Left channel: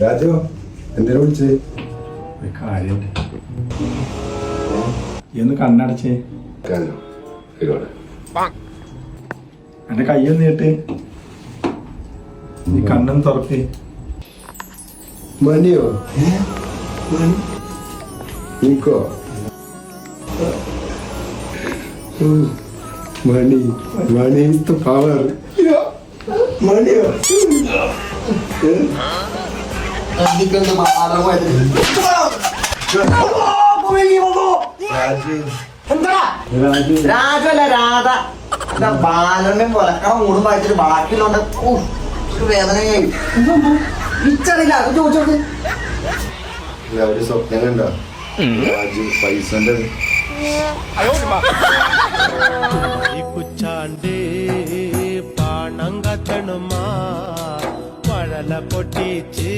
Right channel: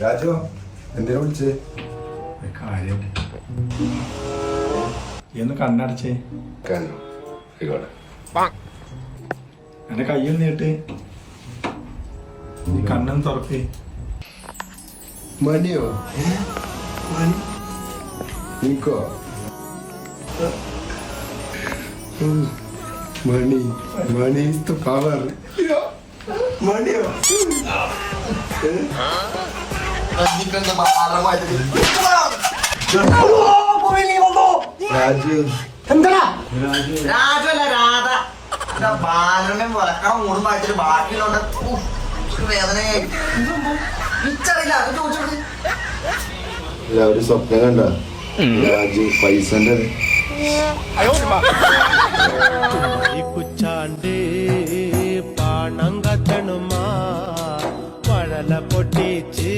രാജു എന്തിനാ വിളിച്ചേ? കാര്യണ്ട്. എന്ന് കണ്ണടച്ചേ. എന്റെ കയ്യൊന്ന് കേട്ട് നീ കണ്ണൊന്ന് തുറക്ക്. മണിയോ? മണി നീക്കോ? മണി മണി is the power. മണിയോ? രാജല്ല രാധ ബാലനെ കൊലക്കണം മൂടും വായിച്ചിട്ട് ബാക്കിയുള്ളോണ്ട് വേദനയായി ഇച്ചറിയില്ല. അത് ചോദിച്ചോക്ക്. ഒരു സ്വപ്നം കണ്ട രാജു പൈസന്റെ కూర్చాండి పాణంగా తెనుమా పడల పొట్టిచి